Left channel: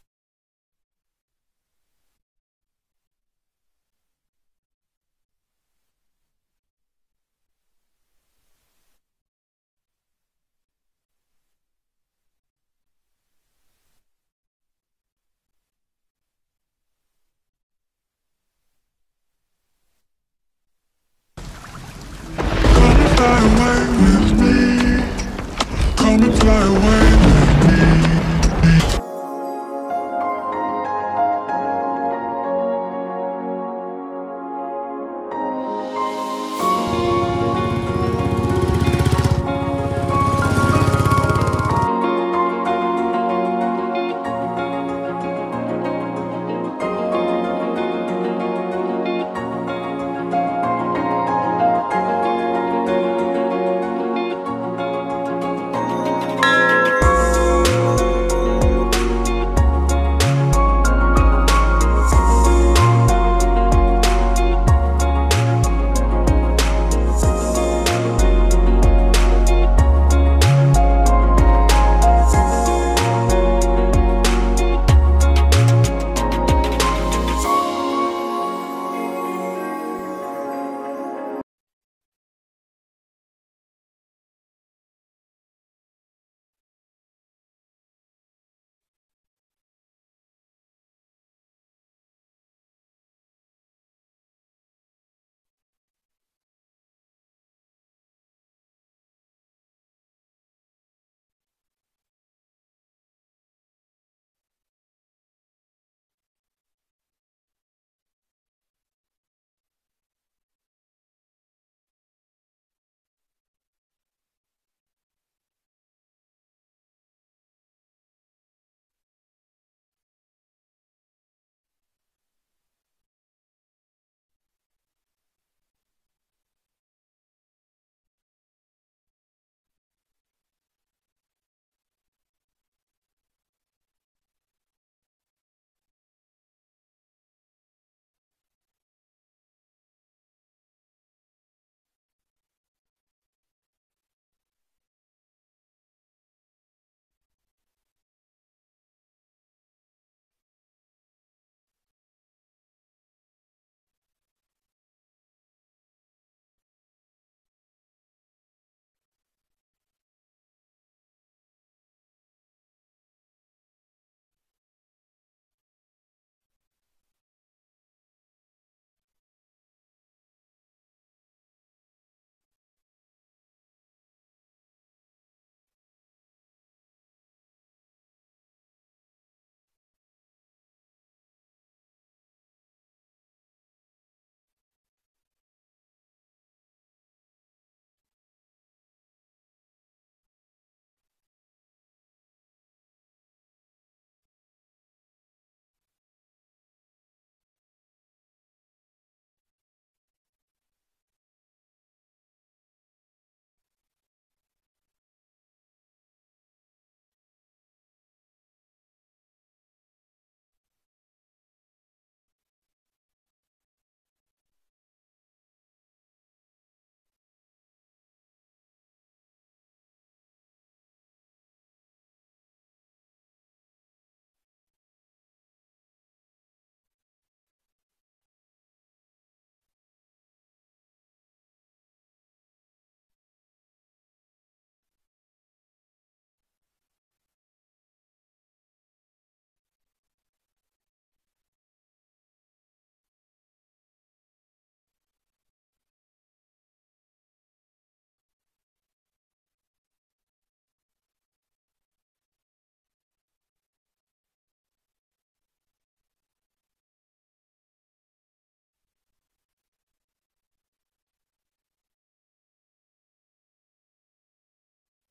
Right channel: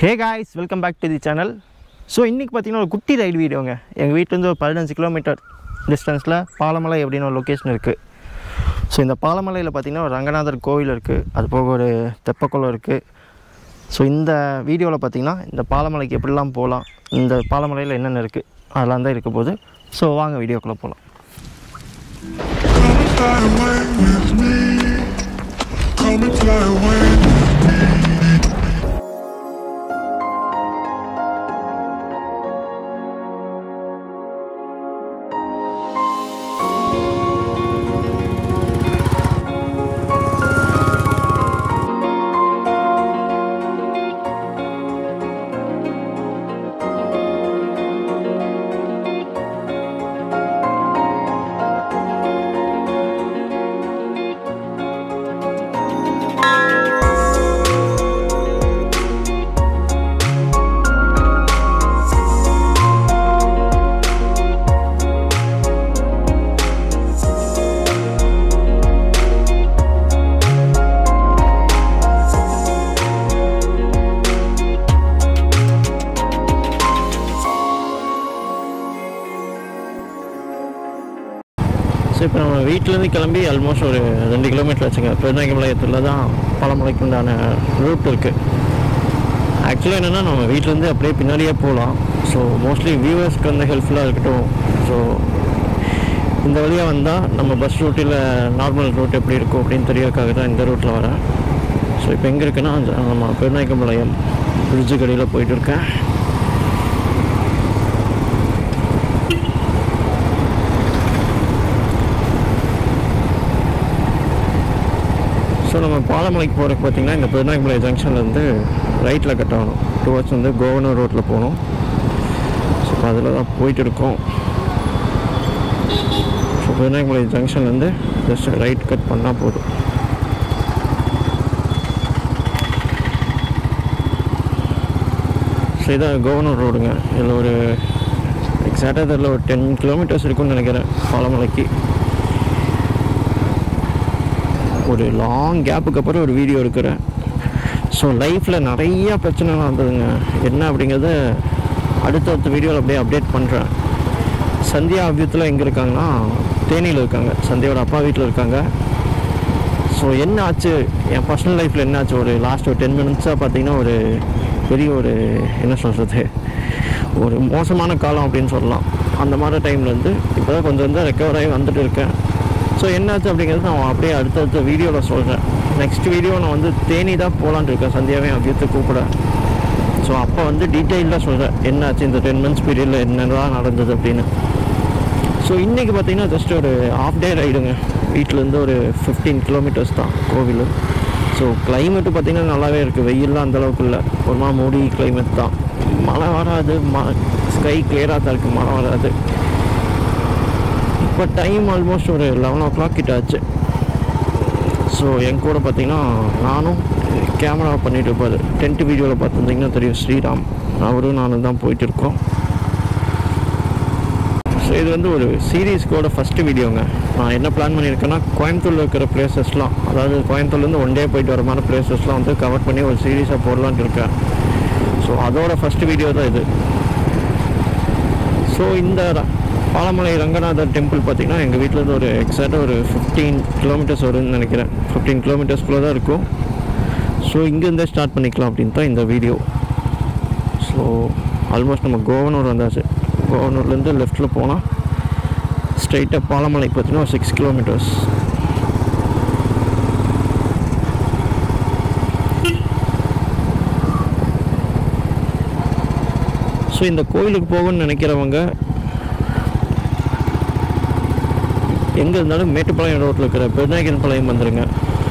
Hey guys, welcome back to the channel. So இன்னைக்கு பாத்தீங்கன்னா ஒரு குட்டி ரைட் வீடியோங்க. எங்க வீட்ல இருந்து ஒரு 15 கிலோமீட்டர் டிஸ்டன்ஸ்ல பாலமலை அப்படின ஒரு லொகேஷன் இருக்கு. ஸோ இந்த பாலமலையில் பாத்தீங்கன்னா ஒரு ரங்கநாதர் கோவில் இருக்கு. அது போக ஒரு தெப்பக்குளம் இருக்கு. ஸோ இந்த வீடியோவில் பாத்தீங்கன்னா இந்த பாலமலைக்கு எப்படிலாம் போகலாம், இந்த பாலமலையில் என்னென்ன இருக்கு அதெல்லாம் தான் இருக்க போகுது. ஸோ வாங்க வீடியோக்குள்ள போகலாம். ஸோ இப்போ நம்ம வீட்டிலேருந்து கிளம்பி ஆல்மோஸ்ட் ஒரு 2 கிலோமீட்டர் வச்சுங்க. பெருநாயக்கம்பாளையத்தில் தான் பாலமலைக்கு உண்டான ரூட் இருக்குது. ஆக்சுவலாக என்னென்னா நம்ம வீட்டிலேருந்து அப்படியே பின்னாடியே போகலாம். ஸோ மோஸ்ட்லி வியூவர்ஸ்க்கு வந்து ஹெல்ப்ஃபுல்லாக இருக்கட்டும். ஸோ இந்த வழியாக வந்தால் நம்ம பஸ் ரூட்டில் நார்மல் ரூட் எப்படி இருக்கும் அப்படின்னு தெரியறதுக்காக தான் இந்த ரூட்டில் வரேன். ஸோ இப்போ எங்கே இருக்குன்னா நம்ம பெருநாயக்கம்பாளையம் பிரிட்ஜு கடையில் போயிட்டு இருக்கேன். ஸோ நம்ம பாலமலைக்கு போகிறதுக்கு பார்த்திங்கன்னா இந்த பெருநாயக்கம்பாளையம் ஜங்ஷன்லேருந்து ரைட்டில் கட் ஆகணும். டுவர்ட்ஸ் வந்து கோவனூர் ரோட்டில் போகணும். ஸோ அதில் தான் போயிட்டு இருக்கோம். ஸோ பெருநாயக்கம்பாளையம் ஜங்ஷன்லேருந்து ஜஸ்ட் ரைட் கட் பண்ணால் போதும். ஸோ இதான் கோவனூர் ரோடுங்க. இதில் ஒரு எக்ஸாக்டாக இதில் ஒரு 10 கிலோமீட்டர்ஸ் இருக்குன்னு நினைக்கிறேன் பாலமலைக்கு. ஒரு லாங் கேப்புக்கு அப்புறம் ஒரு வீடியோ எடுக்கிறேன். ஸோ லைஃப்பில் நிறையா பிரச்சனைலாம் வந்ததுங்க. என்ன அப்படிங்கிறத அடுத்தடுத்த வீடியோவில் அப்படியே அப்டேட் பண்ணுறேன். சந்தியா அபியத்தில் எங்கே இருக்காங்கன்னா தேனியில் இருக்காங்க. சந்தியாவோட அப்பா வீட்டில் இருக்காங்க. ஸோ என்ன ஆச்சு, என் பர்சனல் லைஃப்பில் என்ன ஆச்சு, ஒரு லாஸ்ட் ஒரு 10 மினிட்ஸாக பார்த்திங்கன்னா ஒரு பெரிய ஒரு என்ன சொல்கிறது, ஒரு மோசமான காலம் அப்படின்னு சொல்லலாம். அந்த மாதிரி டைம்லேருந்து இப்போ தான் கொஞ்சம் ரெக்கவர் ஆகி வந்துட்டு இருக்கேன். ஸோ என்னாச்சு அப்படிங்கிறது நான் அப்படியே அடுத்தடுத்த வீடியோவில் சொல்கிறேன். நெக்ஸ்ட் வீடியோ நான் வந்து தேனி தான் போகலான்னு இருக்கேன், சந்தியாவே அபியத்தை கூப்பிட. ஸோ அப்போ வந்து டீட்டெயில்டாக சொல்கிறேன் என்னாச்சு இந்த 10 மந்த்ஸ் பீரியடில் என்னெல்லாம் நடந்தது அப்படின்னு. ஸோ இன்றைக்கி பார்த்திங்கன்னா ஜஸ்ட் ஒரு ஹாஃப் டே ரைடுங்க. வீட்டிலேருந்து ஒரு 15 கிலோமீட்டர்ஸ் தான் கோவில். ஸோ கிளைமேட்டு பார்த்திங்கன்னா நல்லாவே இருக்குது. வெயிலெலாம் அந்தளவுக்கு இல்லை, ஒரு மாதிரி மூடி கிளைமேட் தான். மழை வராது, ஸ்கை கிளியராக தான் இருக்குது, மழை வராது. இப்போ டைம் ஆல்மோஸ்ட் ஒரு 11 o'clock கிட்ட ஆச்சு. ஸோ என் கூட பார்த்திங்கன்னா நானும் கேமரா பண்ணிட்டு இருப்பார். டென்ட் வீடியோவில் பார்த்துருந்திங்கன்னா தெரியும், ஸ்ரீராம், அவரும் நானும் தான் போயிட்டு இருக்கோம். ஸோ இது வந்து ஒரு சீரீஸ்க்கோட ஃபஸ்ட்டு வீடியோங்க. நான் என்ன பிளான் பண்ணியிருக்கேன்னா கோயம்புத்தூரில் இருக்கிற பிளேசஸ்லாம், அதாவது கோயம்புத்தூர்லேருந்து ஒன் டே போயிட்டு வர மாதிரி பிளேசஸ்லாம் வந்து கவர் பண்ணி ஒரு சீரீஸாக போடலான்னு இருக்கேன். ஸோ அதோட ஃபஸ்ட்டு வீடியோ தான் இது. ஸோ இந்த பாலமலை ரங்கநாதர் டெம்பிள் பார்த்திங்கன்னா எங்கள் வீட்டிலேருந்து ஒரு எக்ஸாக்டாக ஒரு 15 கிலோமீட்டர்ஸ் வரும்னு நினைக்கிறேன். 15 கிலோமீட்டர்ஸ்குள்ளே தான் இருக்கும். ஸோ இங்கேருந்தே ஸ்டார்ட் பண்ணிக்கலாம் அப்படின்னு தான் இந்த வீடியோ. ஸோ ஆல்மோஸ்ட் நம்ம கோவனூர் வந்தாச்சு. கோவனூர்லேருந்து லெஃப்ட்டில் போனால் ஸ்ட்ரைட்டாக பாலமலைக்கு பார்த்திங்கன்னா ஒரு 6 கிலோமீட்டர்ஸ். ஸோ இந்த கோயிலுக்கு போகணும்னு நினைக்கிறவங்க எங்கே இருந்தாலும் மேட்டுப்பாளையம் ரோட்டில் இருக்கிற பெருநாயக்கம்பாளையம் வந்துடுங்க.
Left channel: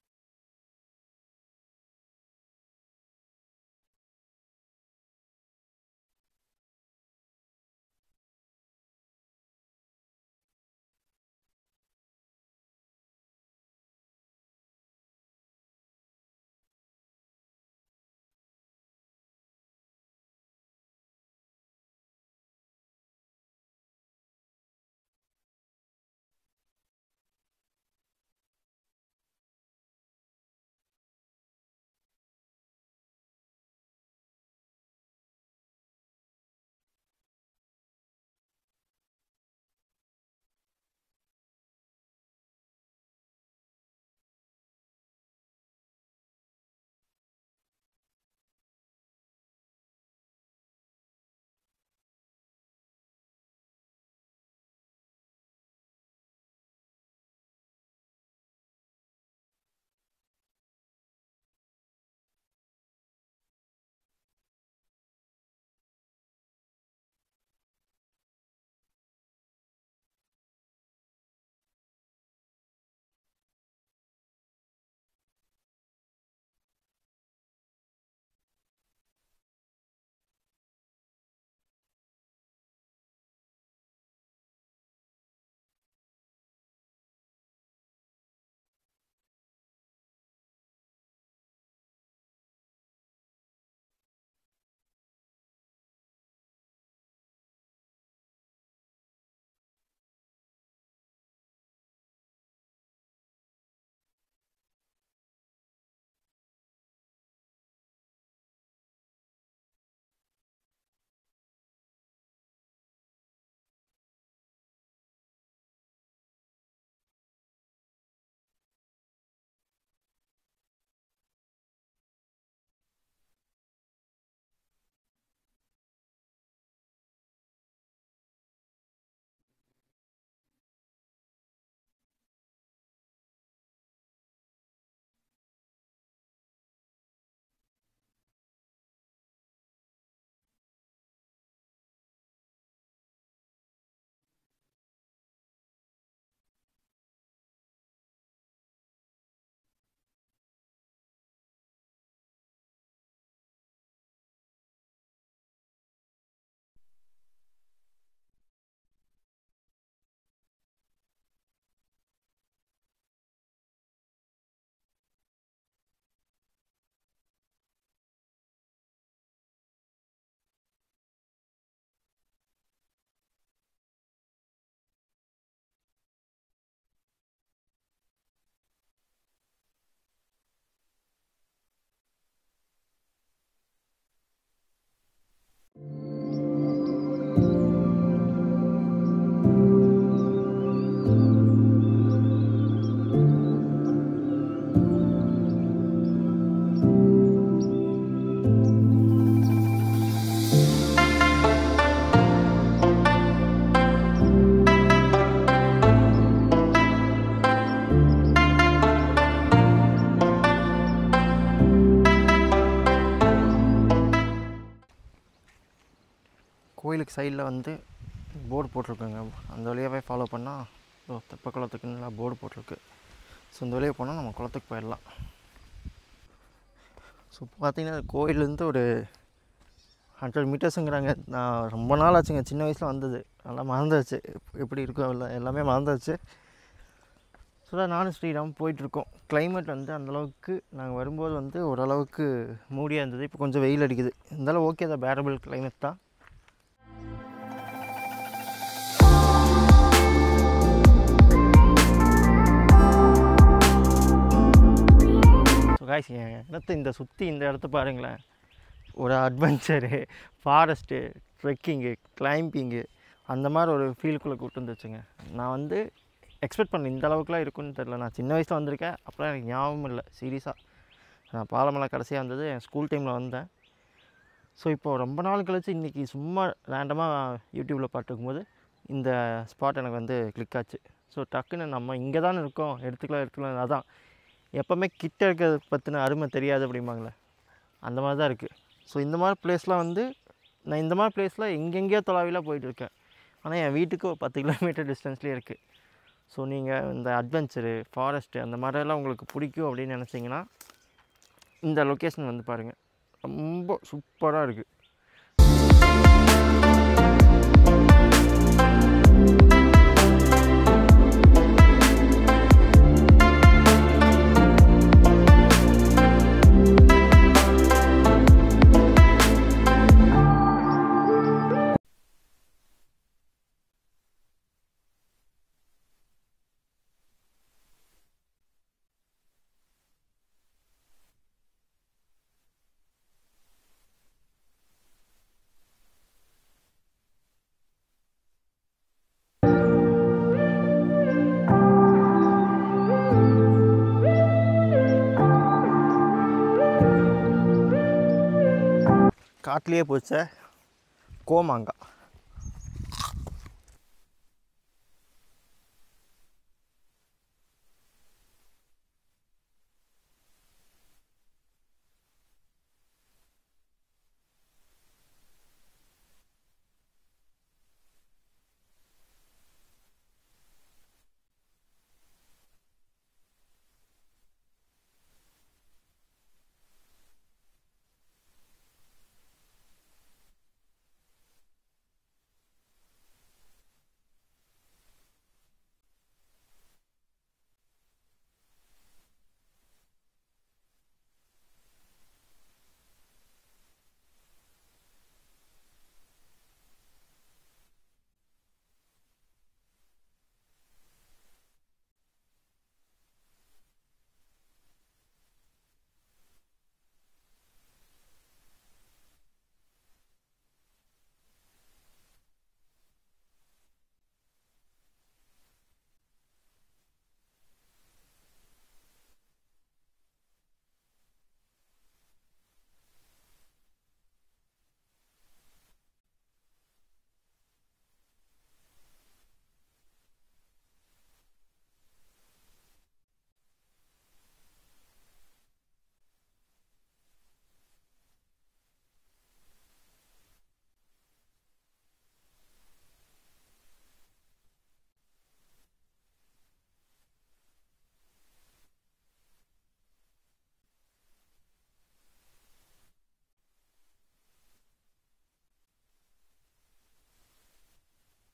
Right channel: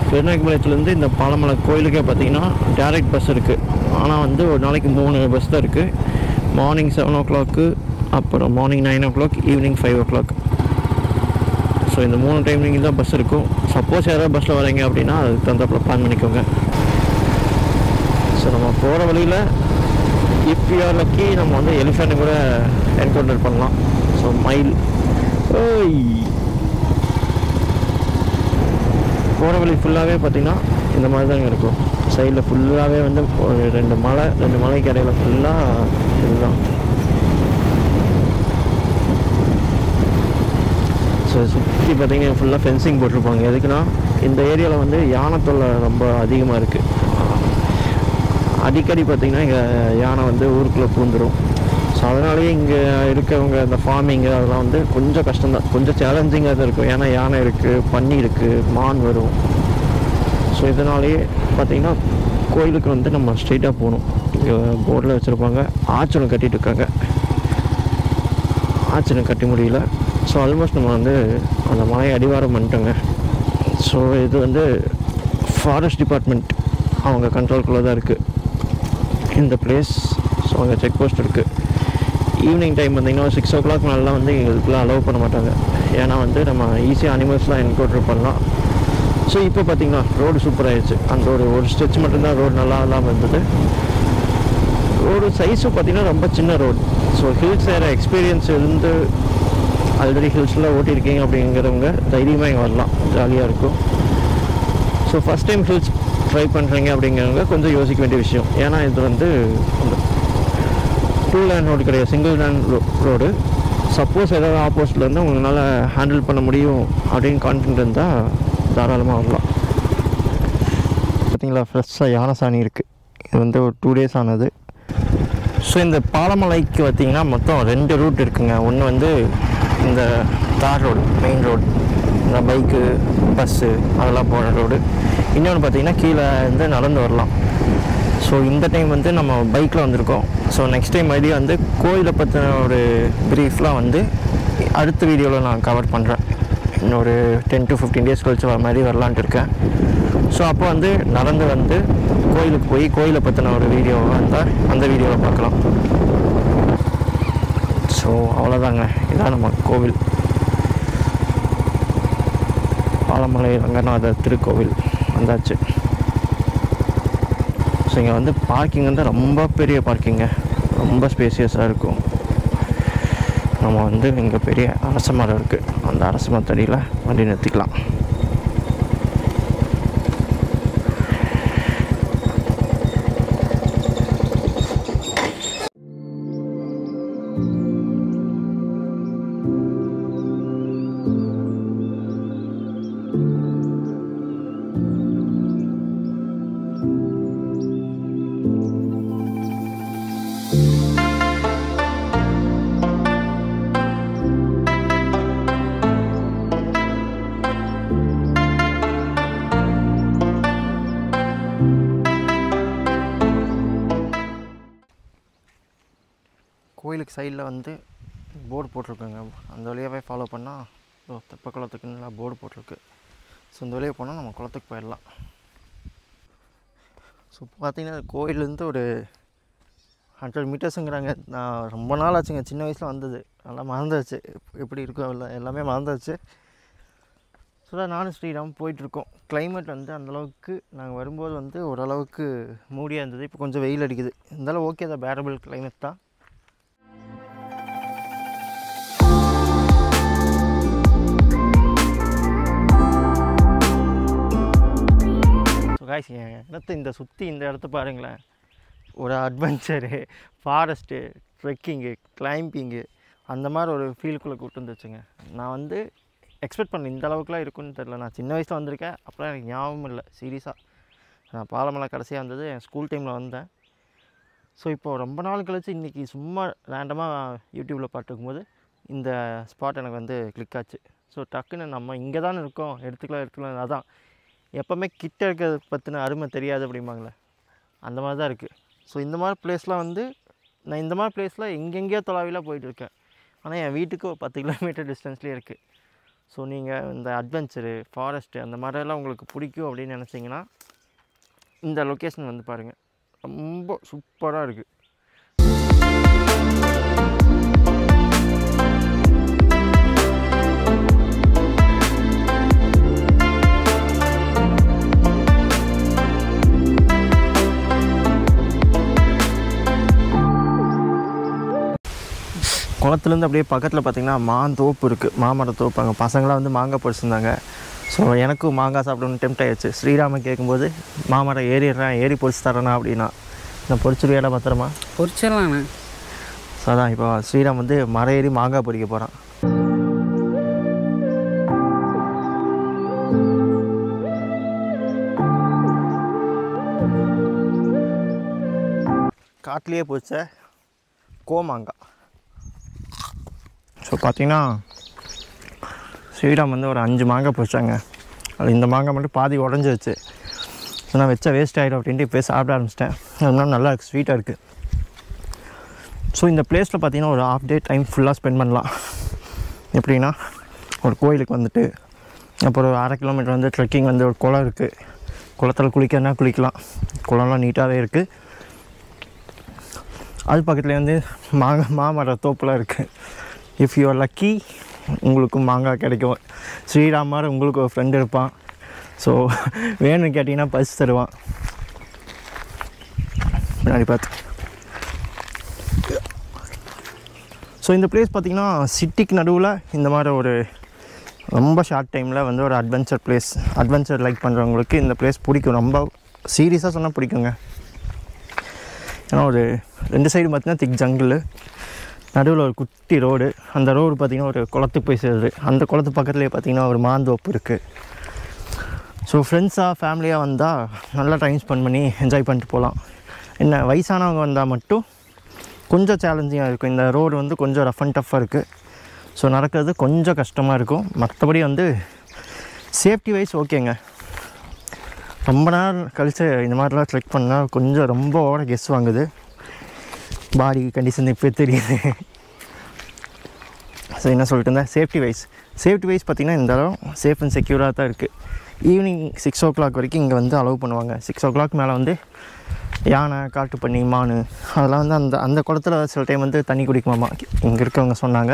பெருநாயக்கம்பாளையத்துலேருந்து இந்த பாலமலை கோயிலுக்கே பார்த்திங்கன்னா டேரெக்ட் பஸ் இருக்குது. ஆனால் வந்து ஒரு நாளைக்கு 3 பஸ் தான் இருக்குது. மார்னிங் 7 o'clock, அப்புறம் morning 9 o'clock, evening 5 o'clock. So இந்த 3 டைமிங் தான் பஸ் இருக்கும். சப்போஸ் யாராவது பஸ்ஸில் வரீங்க அப்படின்னா அதுக்கு தகுந்தாப்பில் பிளான் பண்ணிக்கோங்க. ஸோ நம்ம போகிற வழியில் இஃப் யூ ஆர் லக்கி நம்ம வந்து எலிஃபெண்ட் கூட என்கவுண்டர் பண்ணலாம். ஸோ மயில் போகிற வழி ஃபுல்லாகவே பார்த்திங்கன்னா இந்த மாதிரி தாங்க இருக்கும். சைடில் ஃபுல்லாகவே வந்து ஒரு ரெண்டு மலைக்கு இடையில ஃபுல்லாக இதுதான். ஸோ சுற்றி பார்த்திங்கன்னா ஃபுல்லாக ஃபென்சிங் போட்டிருப்பாங்க. எதுக்குன்னா இந்த ஏரியாவில் வந்து யானை தொல்லை ரொம்ப அதிகமாக இருக்குது. அடிக்கடி பார்த்திங்கன்னா இங்கே யானை வந்து ஊருக்குள்ளே பூந்துடும். ஸோ அதனாலேயே இங்கே இருக்கவங்க இந்த ஃபார்மிங்கு அதெல்லாம் வந்து கொஞ்சம் கஷ்டம்தான், கொஞ்சம் சேலஞ்சிங்காக தான் இருக்கும். ஏன்னா யானை இருக்குது, பன்னி இருக்குது, மான் வரும். ஸோ இதனாலேயே பார்த்திங்கன்னா கோயிலுக்கு வந்து நம்ம ஸ்ட்ரெயிட்டாக போகணும். போர்டில் வச்சுருப்பாங்க. ஆச்சனை கட்டிகிட்டு இருக்காங்க. ஆச்சனை கட்டி முடியல. ஸோ ஆல்மோஸ்ட் நம்ம வந்து அந்த மலையை அடிவாரம் பண்ணிட்டோங்க. ஸோ இது வந்து ஃபாரஸ்ட் டிபார்ட்மெண்ட் அவங்க கண்ட்ரோல்குள்ளே தான் இருக்குது இந்த பிளேஸ். ஸோ அங்கே செக் போஸ்ட் இருக்குது. ஈவினிங் டைம் பார்த்திங்கன்னா 6 o'clock மேலாம் வந்து எங்களுக்குலாம் அலோவ் பண்ண மாட்டாங்க. ஏன்னா வந்து நம்ம ஈஸியாக அனிமல்ஸ்லாம் என்கவுண்டர் பண்ணலாம். ஸோ இப்போ பார்த்திங்கன்னா ரோடு சூப்பராகிடுச்சு. அந்த ஒரு ஸ்ட்ரெச் மட்டும்தான் ரோடு நல்லா இல்லாமல் இருந்தது. ரோடு சைஸும் பார்த்திங்கன்னா ரொம்ப சின்ன ரோடு. ஸோ ஹில்ஸ் ஏற எக்ஸ்பீரியன்ஸ் இருந்து ஆல்ரெடி ஹில்ஸில் ஓட்டியிருக்கீங்க அப்படிங்கிறவங்க தைரியமாக இங்கே வரலாம், ஜாலியாக இருக்கும். So first time hills try பண்ணுறீங்க அப்படிங்கிறவங்க கொஞ்சம் யோசிக்க வேண்டிய விஷயம். ஏன்னா இது வந்து அந்த 2 லேன் ரோடு கிடையாது, சிங்கிள் லேன் ரோடு. சப்போஸ் ஏதாவது ஆப்போசிட்லேருந்து உங்களால் ஹேண்டில் பண்ண முடியும் அப்படின்னு கான்ஃபிடென்ட் இருந்தால் தாராளமாக வரலாம். பார்த்தீங்களா, ஃப்ரெஷ்ஷாக யானை சாணி இருக்குது. இது வந்து ஒரு 2 days ஆனது. ஸோ இந்த பாலமலைக்கு பார்த்திங்கன்னா மொத்தம் 2 ரூட் இருக்குங்க. ஒன்று வந்து இந்த தார் ரோடு, மெயின் ரோடு, இந்த பைக்கு பஸ்ஸு அதெல்லாம் போகிற ரோடு. இன்னொன்று பார்த்திங்கன்னா கீழே வந்து நடந்து வரலாம். ஸோ இந்த டைம் வந்து நம்ம பைக்கில் வந்திருக்கோம். ஸோ நெக்ஸ்ட் டைம் மறுபடியும் வந்து கோயிலை பற்றின ஒரு ப்ரீஃப்லாம் வந்து அடுத்த வீடியோவில் நான் கவர் பண்ணுறேன். இன்னொரு 10 to 15 days கழிச்சு வர மாதிரி வரலான்ட்டு இருக்கேன். ஸோ அப்போ வந்து நடந்து வந்து கோயிலுக்கு போய் கோயிலை பற்றின ஒரு வீடியோ வந்தால் அந்த வீடியோவில் பார்க்கலாம். ஸோ அவ்வளோதாங்க, இதான் நம்ம கோவில், பாலமலை ரங்கநாதர் திருக்கோவில் வந்தாச்சு. ஸோ இங்கே வந்து பார்க்கிங் வந்து ரொம்ப பெரிய பார்க்கிங்க, ரொம்ப ஸ்பேசியஸாக இருக்கும். நம்ம வந்து இங்கே பெரிய அரச மரம் இருக்குது. அந்த அரச மரத்தடியில் வண்டி நிறுத்திக்கலாம். கோயிலுக்கு சைடில் வந்து போர்டு போட்டிருக்குங்க. அந்த வழியாகவே ஃபாலோ பண்ணால் தெப்ப குளத்துக்குன்னு போர்டு போட்டிருக்கு. ஸோ இந்த வழியாக போனால் நம்ம குளத்துக்கு போயிடலாம். ஸோ பார்த்திங்கன்னா கோயிலேருந்து ஒரு 100 மீட்டர்ஸுங்கிறாங்க. நான் ரொம்ப நாள் ஆச்சுங்க, சின்ன வயசில் வந்தது, நல்லா மறந்துடுச்சு எப்படி இருக்கும், எல்லாமே மறந்துடுச்சு. ஸோ தான் நானும் ஸ்ரீராம் போயிட்டுருக்கோம். கிளைமேட் வந்து அந்தளவுக்கு நாங்கள் வரும்போது வந்து ஓரளவுக்கு மூடியாக இருந்தது. இப்போ கொஞ்சம் வெயில் அடிக்குது. இருந்தாலும் ஓகே தான், பேரபிள் கிளைமேட் தான். காய்ஸ், என் இடத்த இந்த சுற்றி இந்த இடத்த பாருங்களேன். ஒரு அட்வென்ச்சரு, ஃபாரஸ்ட்டு, ட்ரெக்கிங்கு, கிளைம்பிங்கு அந்த மாதிரி ஒரு ஃபீல்டுக்குள்ளே கூப்பிட்டு வந்துச்சுங்க. நான் வந்து எக்ஸ்பெக்ட் பண்ணேன் இந்த அளவுக்குலாம் இருக்குன்னு தெரில. நான் சின்ன வயசில் வந்திருக்கேன், அப்போலாம் எனக்கு ஞாபகம் இல்லை சீரியஸாக. நான் பாலமலை கடைசியாக வந்தது என் ஸ்கூல் டைமில் வந்தேன். ஸோ இப்போது ரொம்ப நாள் கழிச்சு இன்றைக்கி சும்மா ரேண்டமாக யூடியூப்பில் பார்த்துக்கும்போது இந்த ஸ்பாட் எனக்கு வந்து கிளிக் ஆச்சு. ஸோ டக்குன்னு நம்ம இங்கே தானே இருக்கோம், எடுத்துக்கலாம். அதான் எப்போவுமே கிட்ட இருக்கிறத பற்றின அருமை தெரியாது அப்படிம்பாங்களே, அந்த மாதிரி தான் இருக்குது. ஸோ இந்த மாதிரி பிளேஸ்லாம் வந்து நான் இந்த மாதிரி பிளேஸில் எங்கெங்கேயோ தொலைவிலாம் போயிட்டுருக்கேன். ஆனால் என் வீட்டுக்கு ஒரு 10 கிலோமீட்டர் டிஸ்டன்ஸ்லேயே இருக்குது. ஸோ நீங்கள் இந்த அட்வென்ச்சரு, ஃபாரஸ்ட்டு அந்த மாதிரிலாம் உங்களுக்கு பிடிக்கும் அப்படின்னு நினச்சிங்கன்னா இந்த லொக்கேஷன் வந்து பாருங்கள், ரொம்ப சூப்பராக இருக்குது. குளத்துலேருந்து அப்படியே பக்கத்தில் பார்த்திங்கன்னா மாந்தோப்பு இருக்குது, மாமரத்தோப்பு. அங்கே பசங்களாம் வந்து மாங்காய் பறிச்சிருந்தாங்க. ஸோ எனக்கும் மாங்காய் சாப்பிடணும்னு டெம்ட் ஆகிடுச்சு. ஸ்ரீராமன் கேட்கும்போது மாமரம் ஏறிடுறேன், ஏறி பொறிச்சு தரேண்ணா அப்படின்னா. நான் பொறிச்சிருவியாடா பத்திரமா? பொறிச்சிடலாண்ணே. ஸோ அதான் இப்போ ஸ்ரீராம் வந்து மரம் ஏறி மாங்காய் பொறிக்க போகிறான். காட்டிலேயே பிடிச்ச கோமாங்காய். ஸோ பார்த்திங்கன்னா ஸ்ரீராம் வந்து ஒரு 5 மாங்காய் பிடிச்சாங்க. அது இந்த மாங்காய் மட்டும் பாதி உடஞ்சிருச்சு. ஸோ நான் வச்சா வேஸ்ட் ஆகிடும் அப்படின்ட்டு இப்போ சாப்பிட ஆரம்பிச்சிட்டேன். அதனால நல்லா இருக்குது, ஸ்வீட்டாக இருக்குது. ஸோ இந்த பிளேஸில் பார்த்திங்கன்னா ஒரு ½ டே டைம் ஃபுல்லாக ஸ்பெண்ட் பண்ணலாம். எப்படின்னா ஒரு கோயிலுக்கு வந்துட்டு அப்புறம் ஒரு 1/2 கிலோமீட்டர் வந்து ட்ரெக்கிங் வந்து ஒரு குளம் இருக்குது. குளத்தில் குளிக்கிறனா குளிக்கலாம். குளம்லாம் நீட்டாகவே இருக்குது. அது பக்கத்துலேயே வந்து மாமர தோப்புலாம் இருக்குது. இஃப் யூ ஆர் லக்கி உங்களுக்கும் மாங்காய் கிடைக்கும். ஸ்ரீராமர் உங்களுக்கு ஒரு ஃப்ரெண்டு இருப்பான். ஸோ வேணும்னு கேட்டிங்கன்னா பரிசு தருவான். பின்னாடி பார்த்து. ஸோ இந்த பிளேஸ் பார்த்திங்கன்னா சிட்டிக்கு நடுவில் இந்த மாதிரி ஒரு ரொம்ப ஷார்ட் டைமில் வந்து ஒரு அட்வென்ச்சர் பிளேஸ். அட்வென்ச்சர் லைக் பண்ணுறவங்களுக்கு இந்த பிளேஸ் பிடிக்கும். ரொம்ப சீரியஸாக சொன்னால் பிடிக்குங்க. ஏன்னா ஒரு 2 சைடு பார்த்திங்கன்னா திக் ஜங்கிள், நடுவில் ஒரு குட்டி ரோடு. அந்த ரோடு பார்த்திங்கன்னா ஒரு குளத்துக்கு போய் சேருது. அந்த குளத்து பக்கத்துலேயே பார்த்திங்கன்னா ஒரு மாந்தோப்பு இருக்குது. ஸோ ஃப்ரெண்ட்ஸாக ஃபேமிலியாக வந்தால் நல்லா டைம் ஸ்பெண்ட் பண்ணி என்ஜாய் பண்ணிட்டு போகலாம். என்ன வயசானவங்க வந்தால் மட்டும் கொஞ்சம் சேலஞ்சிங்காக இருக்கும். இந்த ரோடு வந்து கொஞ்சம் ரஃப் அண்ட் டஃப்பாக இருக்குது. ஸோ நடக்கிறது கொஞ்சம் கஷ்டமாக இருக்கும். மற்றபடி வந்து சேஃப்டி வைஸ் ஓகேங்க. ரொம்ப நேரம் கழித்து இந்த மாதிரிலாம் ட்ரெக் பண்ணால் கொஞ்சம் ரொம்ப ஓட கெஸ் வாங்குது. பாடி கண்டிஷன் இப்போ தெரியுது. ஸோ என்ன சொல்லிட்டு இருந்தேன், சேஃப்டி வைஸ் பார்த்திங்கன்னா இந்த அளவு சேஃப் அண்ட் செக்யூராக தான் இருக்குது. ஈவினிங் 6 o'clock வரைக்கும் இங்கே வந்து அலோவ் பண்ணுவாங்க. 6 o'clock மேலே வந்து யானை, காட்டுப்பன்னி, மான் அதெல்லாம் வந்து அந்த குளத்துல சில டைம் வந்து தண்ணி குடிக்குமாமா இங்கே இருக்கவங்க சொன்னாங்க.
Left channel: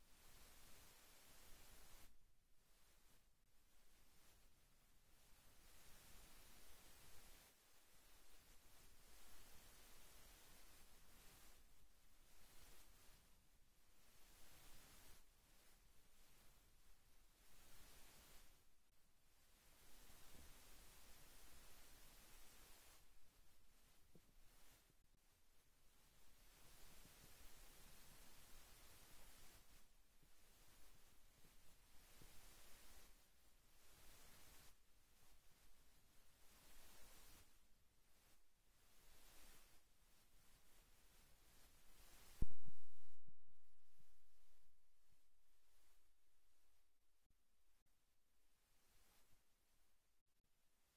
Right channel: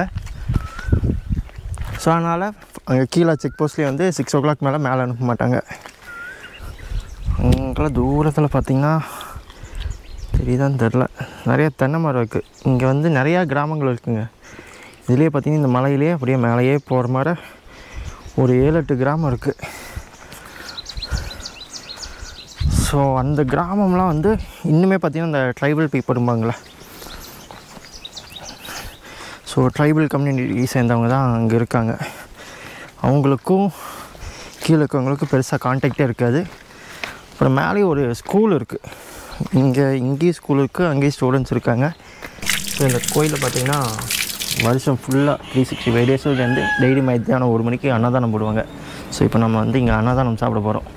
ஸோ அதனால் அங்கே கீழே செக் போஸ்ட்லேயே வந்து 6 o'clock மேலே அனுப்ப மாட்டாங்க. அங்கெல்லாம் தூரத்தில் பார்த்திங்கன்னா தெரியுதான்னு தெரில, நிறைய தென்னை மரம் இருக்குது. இங்கே வந்து நிறையா கிராமங்கள் இருக்குதுங்க. இதுலேயே பார்த்திங்கன்னா இந்த மலையிலே அப்படியே மேலேயே போகிற மாதிரி ஒரு 7-8 கிராமம் இருக்குது. ஸோ அந்த கிராமம்லாம் வந்து இன்னுமே பார்த்திங்கன்னா இந்த ட்ரைபல் பீப்புள் இருப்பாங்களே, ஸோ ட்ரைபல் கம்யூனிட்டி சேர்ந்தவங்க தான் அங்கே இருக்காங்க. அவங்களுக்கும் கீழே இருக்கவங்களுக்கும் பெருசாக கான்டாக்டே இருக்காது. அப்புறம் மேலேயும் ஒரு ஸ்கூல் இருக்குது. இங்கேயும் ஸ்கூல் இருக்குது, அங்கேயும் ஸ்டூடெண்ட்ஸ் இருக்காங்க. ஸோ இந்த கோயிலில் பார்த்திங்கன்னா வருஷம் ஃபுல்லாக 365 டேஸ்லேருந்து டெய்லி மத்தியானம் 1 மணிக்கு அன்னதானம் போடுவாங்க. ஸோ இப்போ நம்ம வந்து இங்கே அன்னதானம் சாப்பிட போகிறோம்.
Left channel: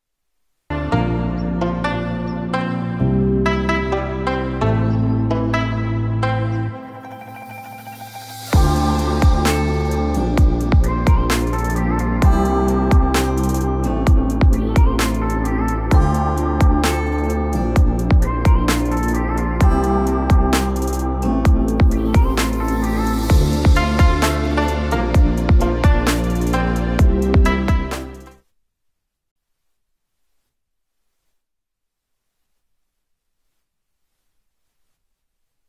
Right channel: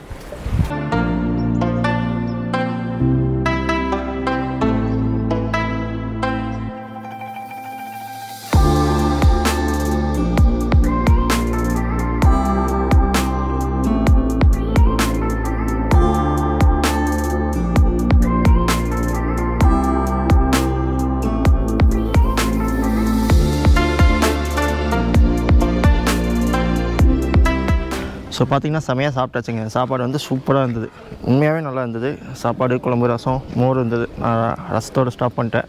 ஸோ பார்த்திங்கன்னா செமையாக சாப்பிட்டாச்சுங்க. சாப்பாடு வந்து சூப்பராக இருந்தது, உண்மையாகவே நல்லா இருந்தது. சாப்பாடு, குழம்பு, ரசம், மோர் இருந்தது. நான் ரசத்தோடு ஸ்டாப் பண்ணிட்டேன்,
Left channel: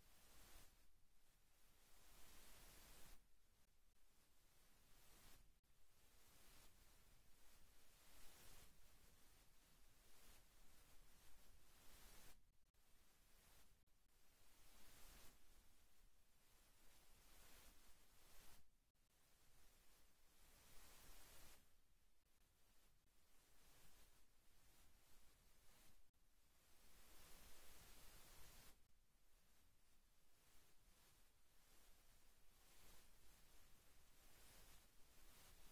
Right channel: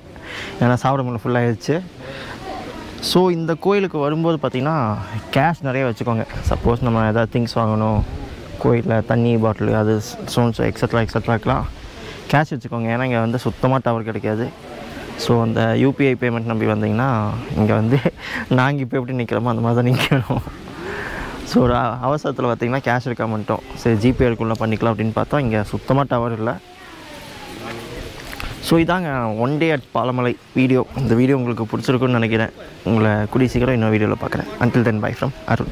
ஏன்னா சாப்பிட முடியல, ஃபுல்லாகிடுச்சு. ஸோ இந்த கோயிலுக்கு வரும்போது பார்த்திங்கன்னா கேஷ் நிறைய வச்சுக்கோங்க. சப்போஸ் நம்ம எதாவது திங்ஸ் வாங்கணும், கோயிலில் தண்ணி பாட்டில், அது ஸ்டோன்ஸ் எக்ஸட்ராக்கெலாம் கேஷ் வச்சுக்கோங்க. ஏன்னா இங்கே வந்து சுத்தமாக டவர் கிடைக்காது. ஸோ அந்த யூபிஐ பேமெண்ட் நம்பி வந்தீங்கன்னா இங்கே வந்து நாங்கள் இப்போ எப்படி நிற்கிறோமோ அந்த மாதிரி தான் நிற்கணும். ஸோ ஒரு அவசரத்தில் பார்த்திங்கன்னா கேஷ் இருக்க மாட்டோம். சரி ஜிபே இருக்குள்ளே பண்ணிக்கலாம் அப்படின்னு பார்த்தா இங்கே சுத்தமாக டவர் இல்லை. ஸோ இதாங்க 1 day at பாலமலை வீடியோ. இந்த வீடியோ உங்களுக்கு பிடிச்சிருக்குன்னு நினைக்கிறேன். உங்களை கூடிய சீக்கிரம் இன்னொரு வீடியோவில் பார்க்குறேன். Until then, bye from Arun.